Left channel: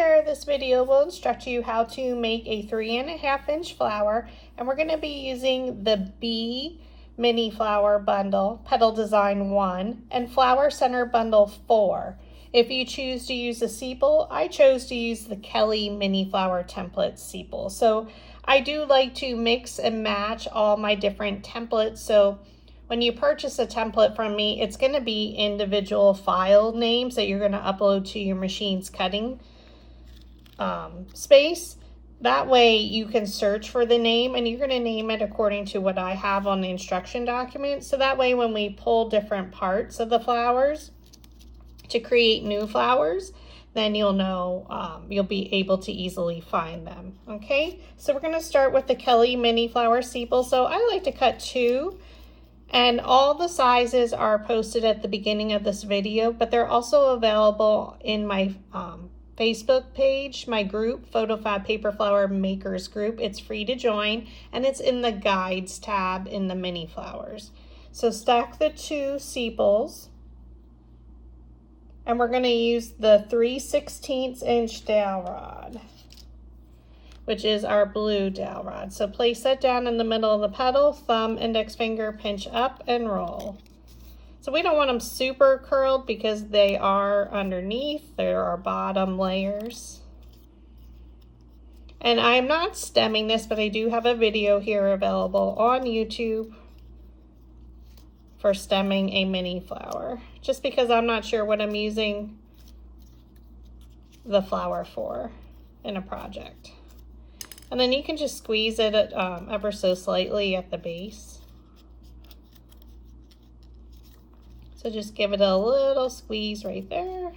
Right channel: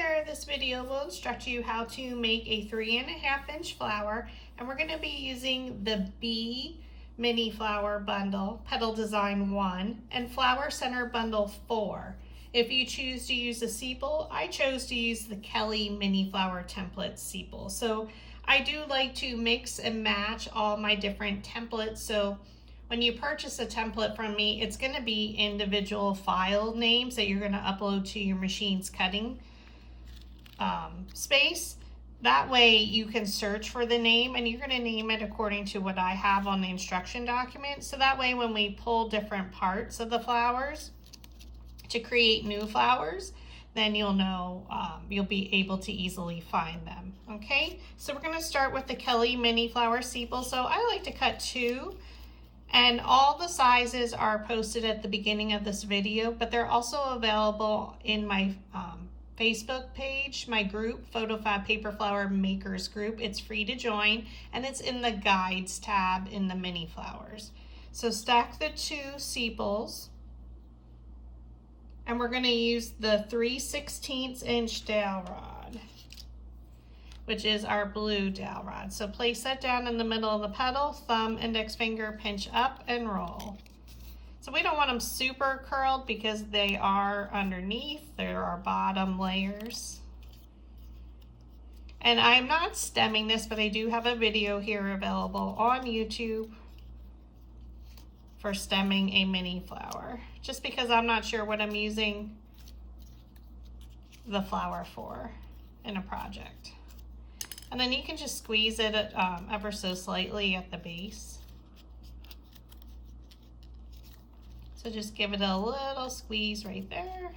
there, this video will instruct you how to make a 3.5 inch flower, and we're going to be using the Mini Flower bundle, Petal Design 1, and Flower Center bundle 4. If you choose to use a Sepal, I chose to use the Kelli Mini Flower template Sepal. So I do like to mix and match all my different templates. So when you purchase a template from me, it's going to be individual file names that you're going to upload to your machine's cutting space. That way you can search for the name, and you're going to name it according to what I have on the instruction document. So that way when we pull different parts of the flowers to create new flowers, then you'll know, you'll be able to easily find them. Okay, so we're going to start with the Kelli Mini Flower Sepal. So I like to cut 2. And all the sizes are posted at the beginning of this video, but they're also available in my Facebook page, my group, PhotoFabPaperFlower Makers group. It's free to join, and it's in the Guides tab in the Mini Flowers. So stack the 2 sepals, and we're going to use the 3/16 inch dowel rod, which is our blue dowel rod. So place that down in the middle of the petal, thumb, index finger, pinch up and roll. So we don't want them super curled because they are underneath. There are bottom layers. And I'm not stemming this, but I do have a video here available on YouTube for stemming a mini flower, just because I'm not sure what I'm using the flower for in a project. And then you can just squeeze it ever so slightly at the base. So just give it a little squeeze right there.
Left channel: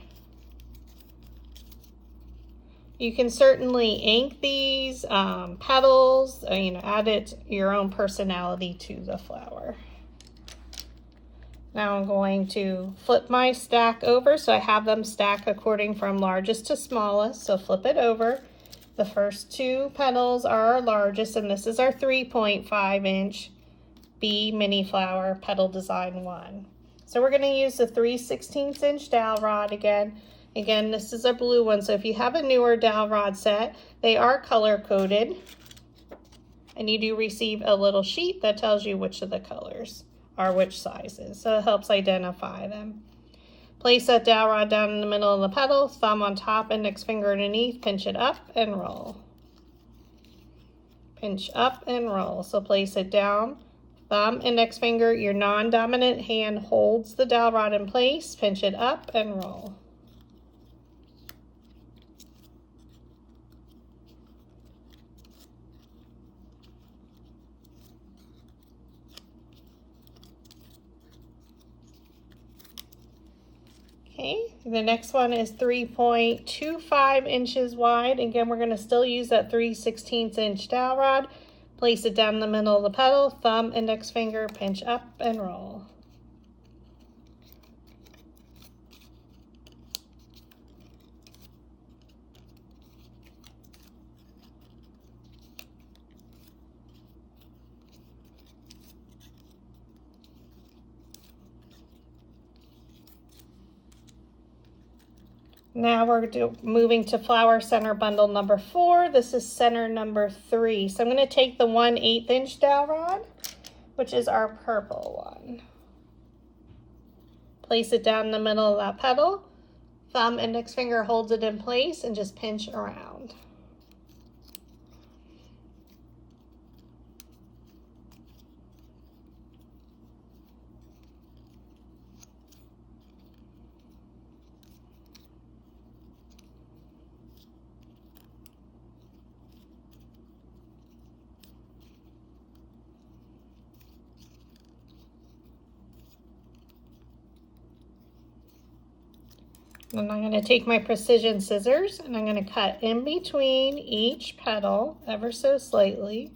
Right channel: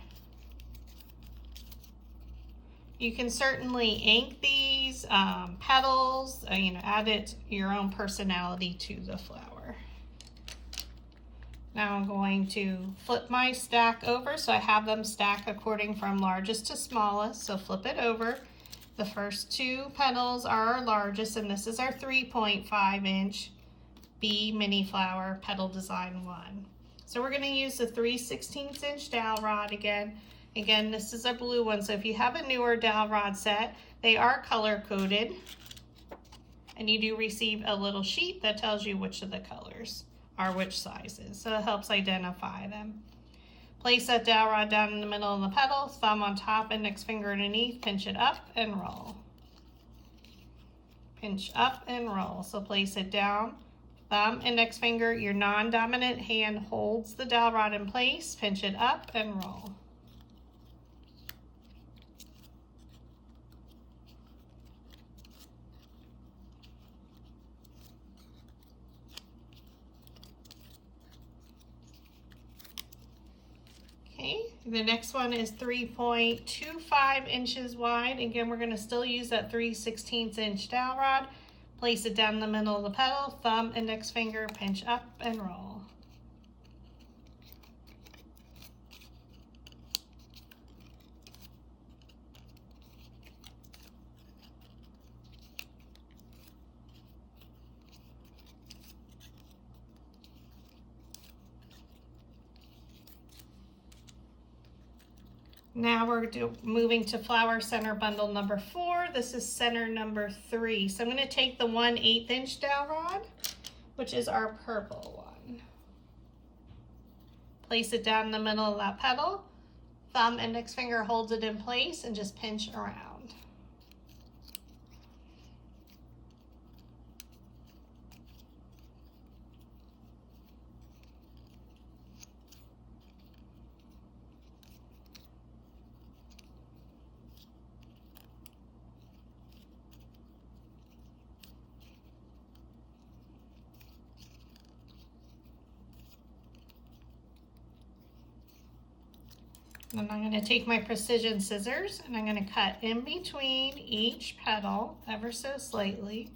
You can certainly ink these petals, add your own personality to the flower. Now I'm going to flip my stack over, so I have them stacked according from largest to smallest. So flip it over. The first 2 petals are our largest, and this is our 3.5 inch Mini Flower Petal Design 1. So we're going to use the 3/16 inch dowel rod again. Again, this is a blue one, so if you have a newer dowel rod set, they are color coded, and you do receive a little sheet that tells you which of the colors are which sizes, so it helps identify them. Place that dowel rod down in the middle of the petal, thumb on top, index finger underneath, pinch it up and roll. Pinch up and roll. So place it down, thumb, index finger, your non-dominant hand holds the dowel rod in place, pinch it up and roll. Okay, the next one is 3.25 inches wide. Again, we're going to still use that 3/16 inch dowel rod. Place it down in the middle of the petal, thumb, index finger, pinch up and roll. Now we're moving to Flower Center bundle number 4. This is center number 3. So I'm going to take the 1/8 inch dowel rod, which is our purple one. Place it down in the middle of that petal. Thumb, index finger holds it in place, and just pinch around. And I'm going to take my precision scissors, and I'm going to cut in between each petal ever so slightly.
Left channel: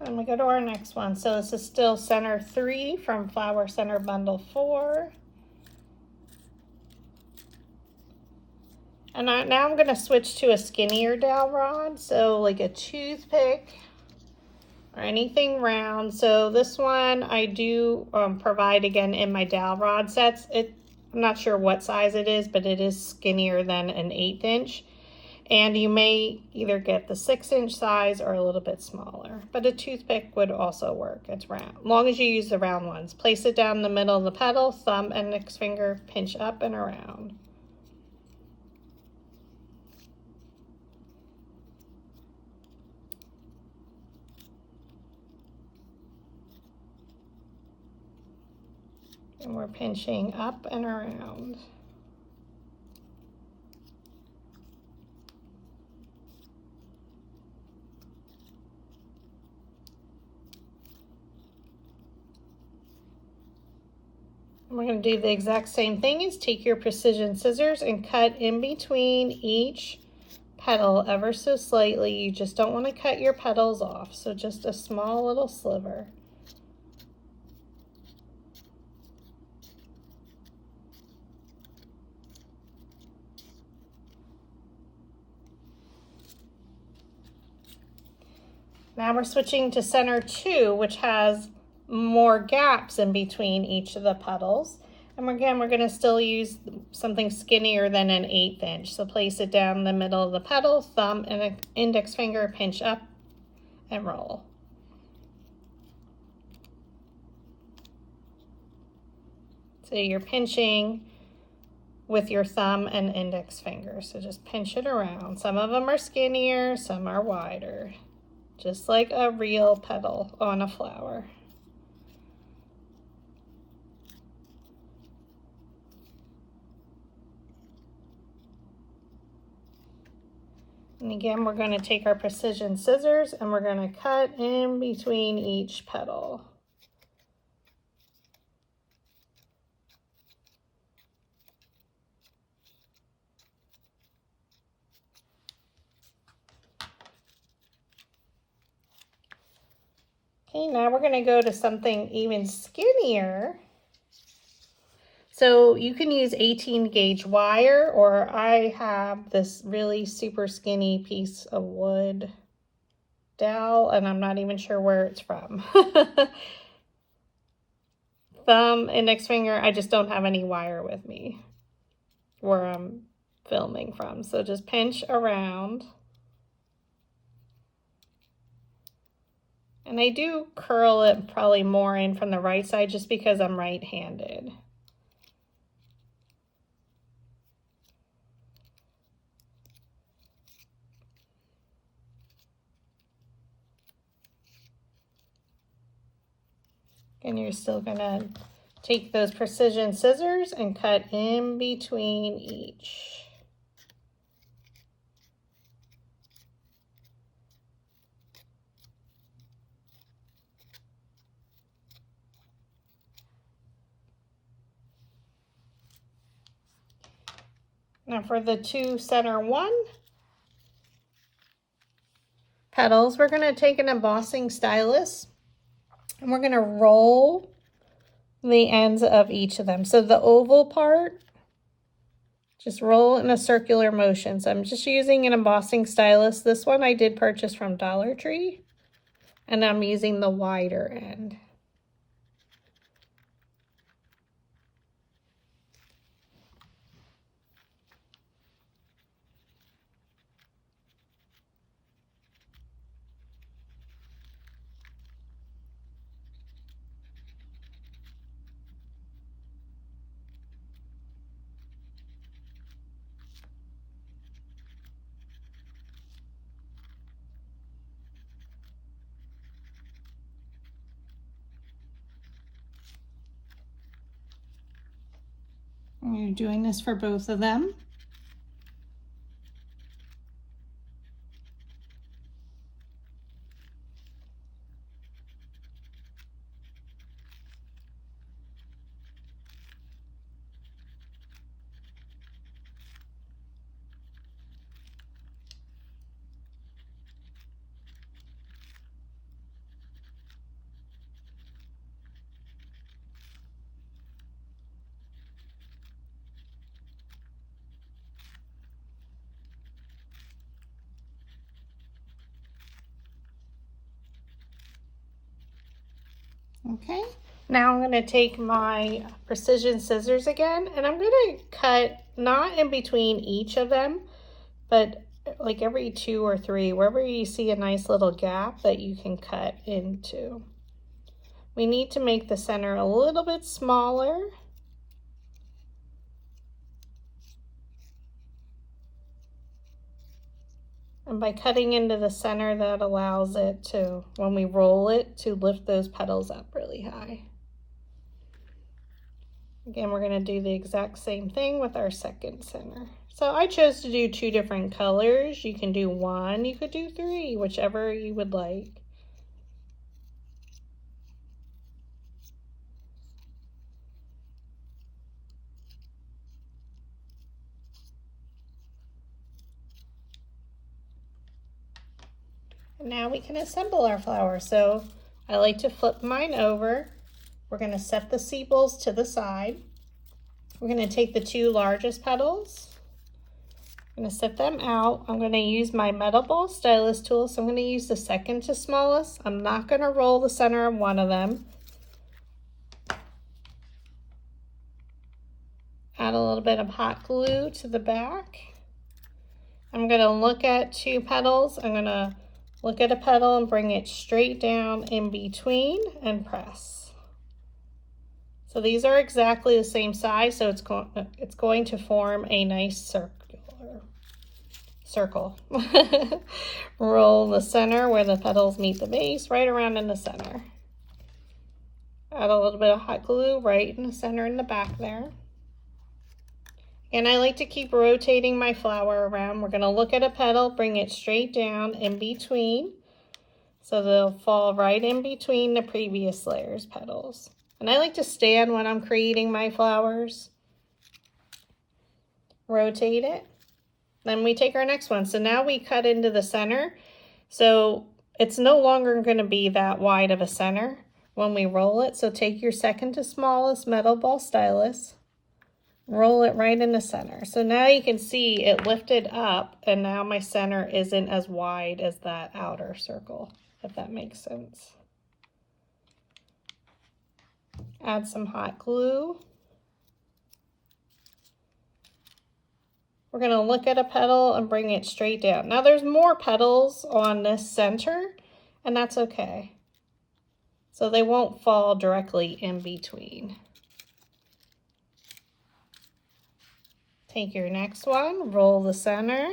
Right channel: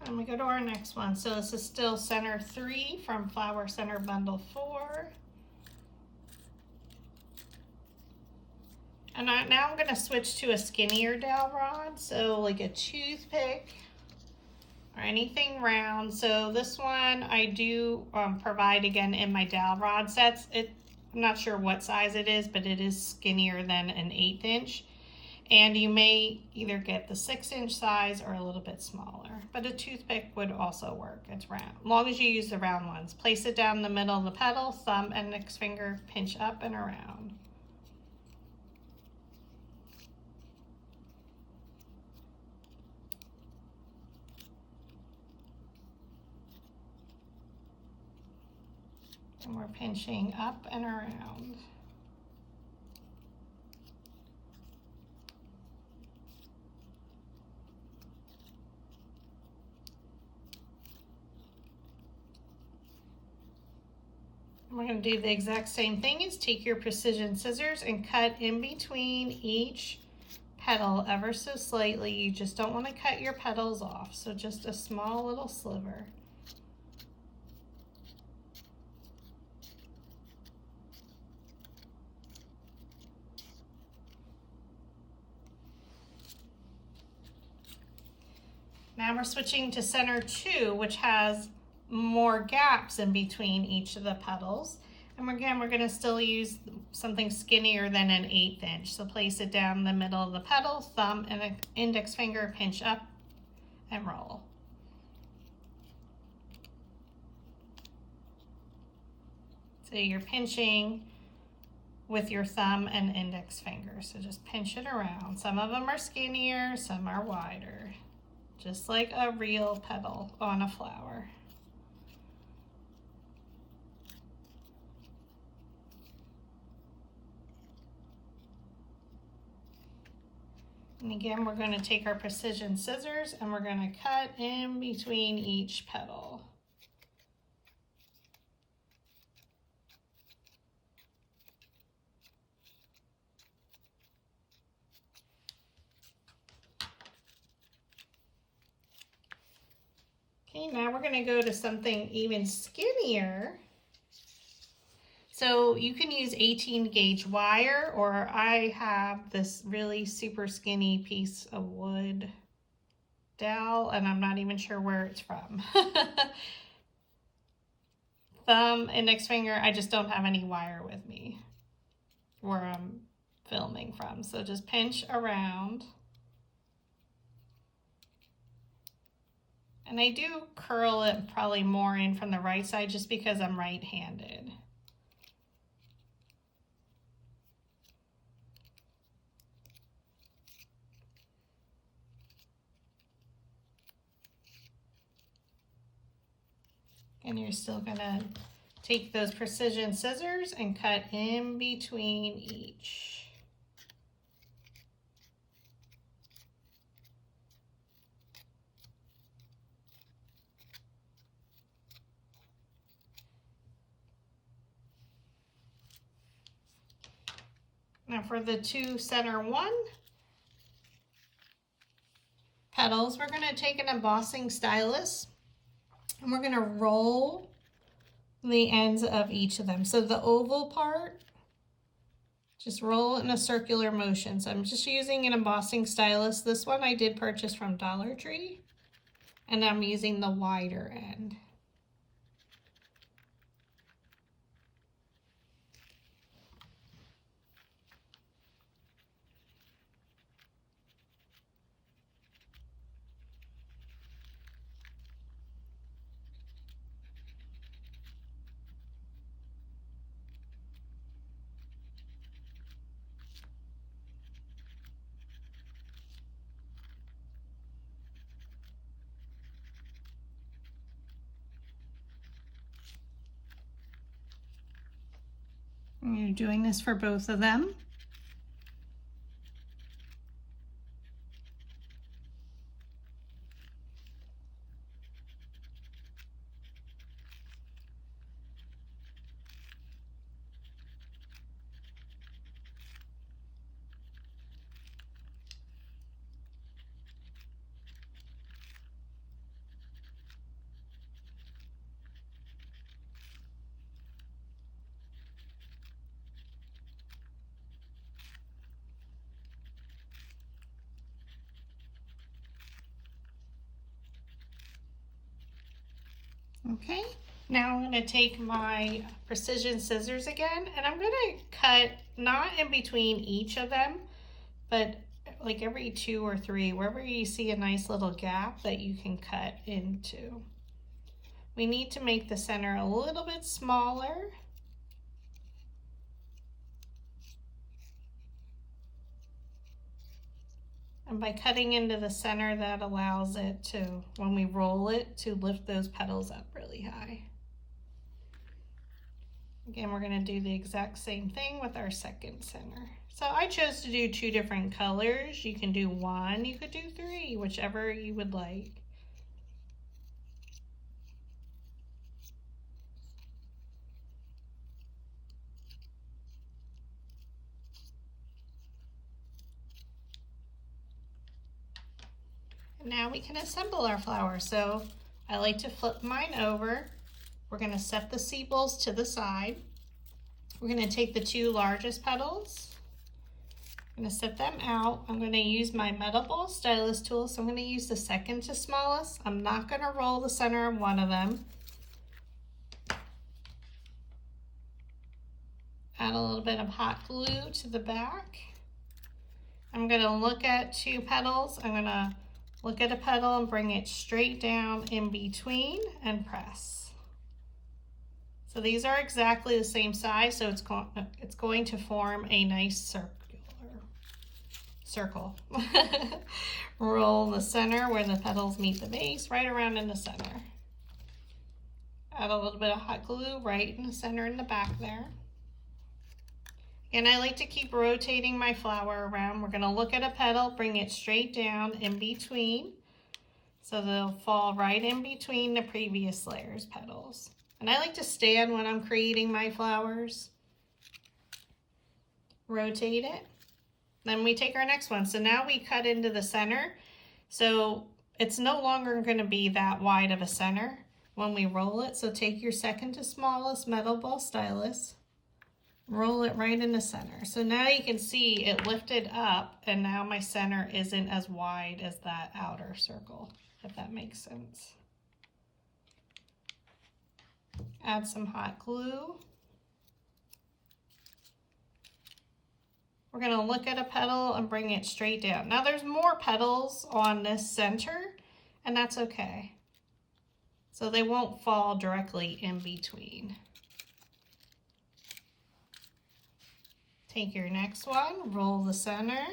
And we go to our next one. So this is still center 3 from Flower Center bundle 4. And now I'm going to switch to a skinnier dowel rod, so like a toothpick or anything round. So this one I do provide again in my dowel rod sets. I'm not sure what size it is, but it is skinnier than an 1/8 inch. And you may either get the 6-inch size or a little bit smaller, but a toothpick would also work. It's round, as long as you use the round ones. Place it down the middle of the petal, thumb, index finger, pinch up and around. And we're pinching up and around. We're going to do the exact same thing. Is take your precision scissors and cut in between each petal ever so slightly. You just don't want to cut your petals off, so just a small little sliver. Now we're switching to center 2, which has more gaps in between each of the petals. And again, we're going to still use something skinnier than an 1/8 inch. So place it down the middle of the petal, thumb and index finger, pinch up and roll. So you're pinching with your thumb and index finger. So just pinch it around. Some of them are skinnier, some are wider. Just like a real petal on a flower. And again, we're going to take our precision scissors and we're going to cut in between each petal. Okay, now we're going to go to something even skinnier. So you can use 18 gauge wire, or I have this really super skinny piece of wood dowel, and I'm not even sure where it's from. Thumb, index finger, I just don't have any wire with me where I'm filming from. So just pinch around. And I do curl it probably more in from the right side just because I'm right-handed. And you're still gonna take those precision scissors and cut in between each. Now for the 2 center 1 petals, we're gonna take an embossing stylus and we're gonna roll the ends of each of them. So the oval part, just roll in a circular motion. So I'm just using an embossing stylus. This one I did purchase from Dollar Tree, and I'm using the wider end. And you're doing this for both of them. Okay, now I'm going to take my precision scissors again, and I'm going to cut not in between each of them, but like every 2 or 3, wherever you see a nice little gap that you can cut into. We need to make the center a little bit smaller. And by cutting into the center, that allows it to, when we roll it, to lift those petals up really high. Again, we're going to do the exact same thing with our second center. So I chose to do 2 different colors. You can do 1, you could do 3, whichever you would like. And now we can assemble our flower. So I like to flip mine over. We're going to set the sepals to the side. We're going to take the 2 largest petals. I'm going to set them out. I'm going to use my metal ball stylus tool. So I'm going to use the second to smallest. I'm not going to roll the center of one of them. Add a little bit of hot glue to the back. I'm going to look at 2 petals. I'm going to look at a petal and bring it straight down in between and press. So these are exactly the same size, so it's going to form a nice circle. Roll the center where the petals meet the base, right around in the center. Add a little bit of hot glue right in the center in the back there. And I like to keep rotating my flower around. We're going to look at a petal, bring it straight down in between. So they'll fall right in between the previous layer's petals. And I like to stand when I'm creating my flowers. Rotate it. Then we take our next one. So now we cut into the center. So it's no longer going to be that wide of a center when we roll it. So take your second to smallest metal ball stylus. Roll it right in the center. So now you can see it lifted up, and now my center isn't as wide as that outer circle, if that makes sense. Add some hot glue. We're going to look at a petal and bring it straight down. Now there's more petals on this center, and that's okay. So they won't fall directly in between. Take your next one, roll the center.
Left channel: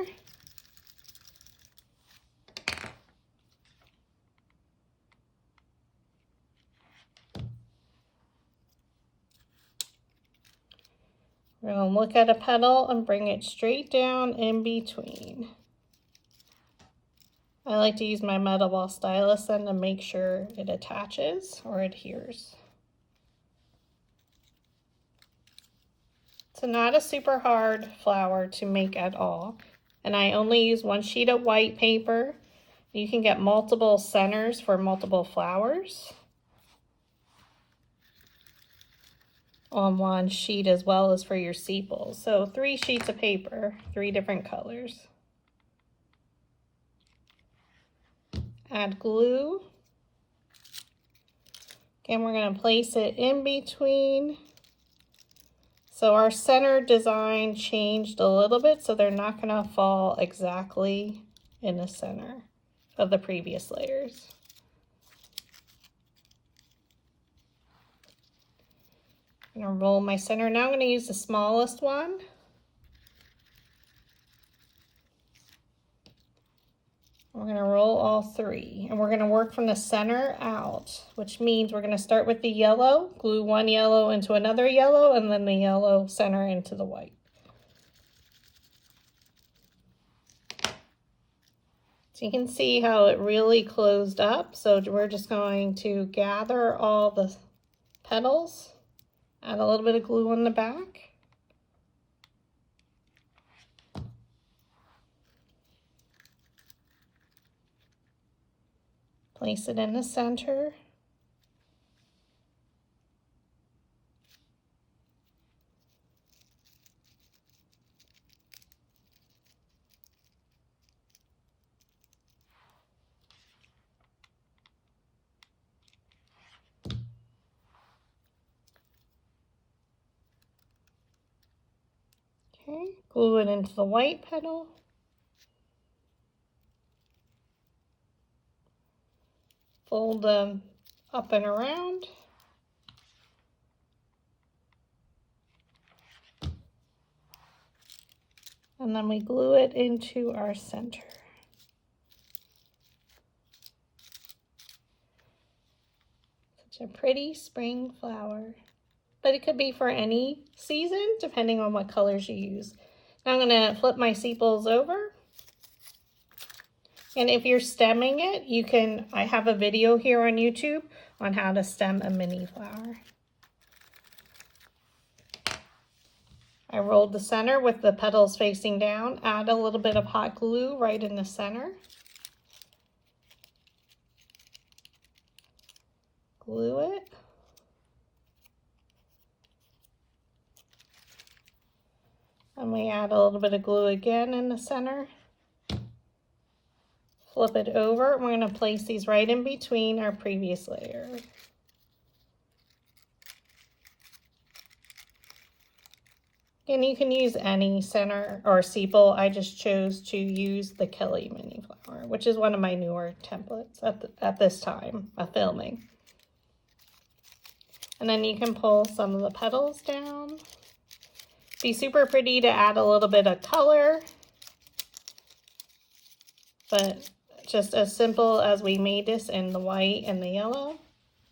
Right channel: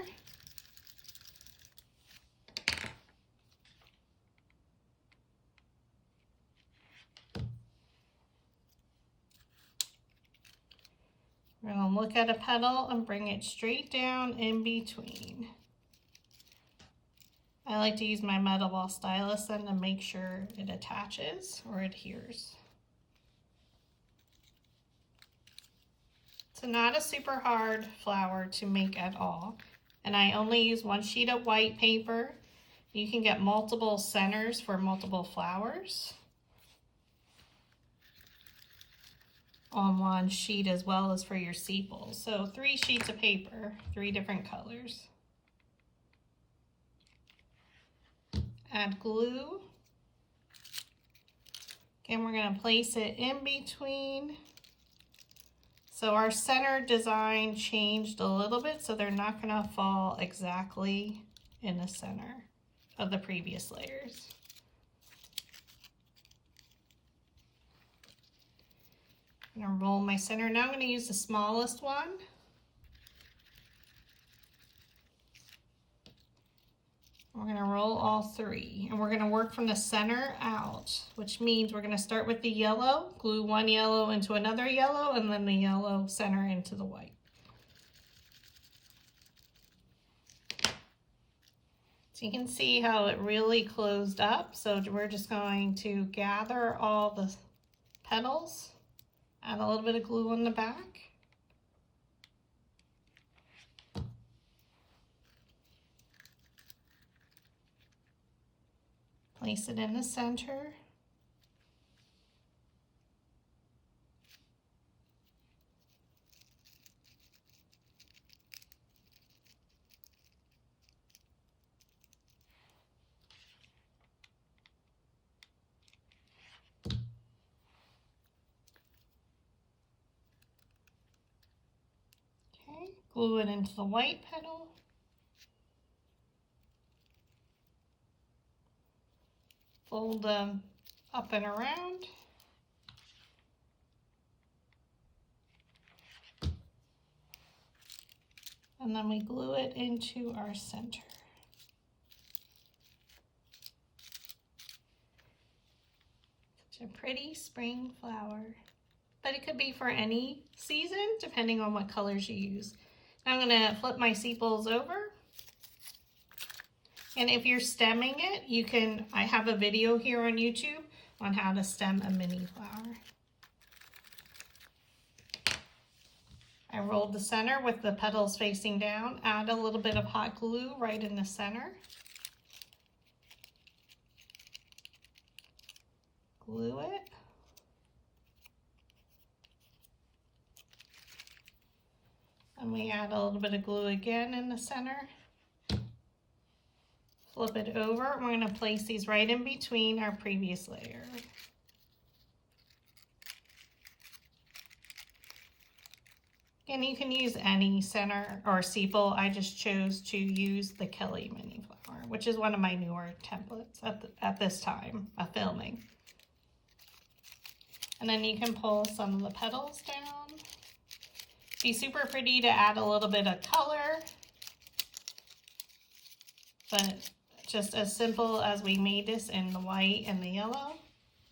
We're going to look at a petal and bring it straight down in between. I like to use my metal ball stylus then to make sure it attaches or adheres. It's not a super hard flower to make at all. And I only use 1 sheet of white paper. You can get multiple centers for multiple flowers on 1 sheet, as well as for your sepals. So 3 sheets of paper, 3 different colors. Add glue. Again, we're going to place it in between. So our center design changed a little bit, so they're not going to fall exactly in the center of the previous layers. I'm going to roll my center. Now I'm going to use the smallest one. We're going to roll all 3, and we're going to work from the center out, which means we're going to start with the yellow, glue 1 yellow into another yellow, and then the yellow center into the white. So you can see how it really closed up. So we're just going to gather all the petals, add a little bit of glue on the back. Place it in the center. Glue it into the white petal. Fold them up and around. And then we glue it into our center. Such a pretty spring flower. But it could be for any season, depending on what colors you use. Now I'm going to flip my sepals over. And if you're stemming it, you can, I have a video here on YouTube on how to stem a mini flower. I rolled the center with the petals facing down, add a little bit of hot glue right in the center. Glue it. And we add a little bit of glue again in the center. Flip it over. We're going to place these right in between our previous layer. And you can use any center or sepal. I just chose to use the Kelli Mini Flower, which is one of my newer templates at this time of filming. And then you can pull some of the petals down. Be super pretty to add a little bit of color, but just as simple as we made this in the white and the yellow.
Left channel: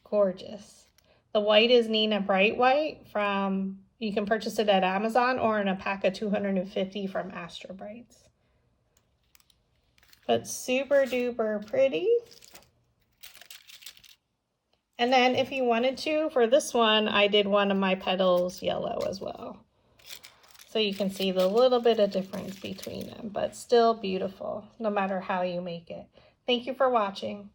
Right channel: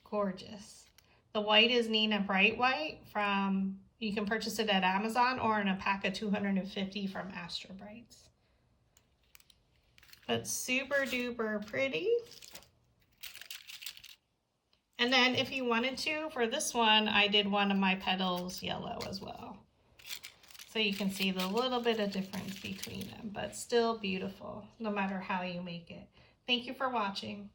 Gorgeous. The white is Nina Bright White from, you can purchase it at Amazon or in a pack of 250 from Astra Brights. But super duper pretty. And then if you wanted to, for this one, I did one of my petals yellow as well. So you can see the little bit of difference between them, but still beautiful, no matter how you make it. Thank you for watching.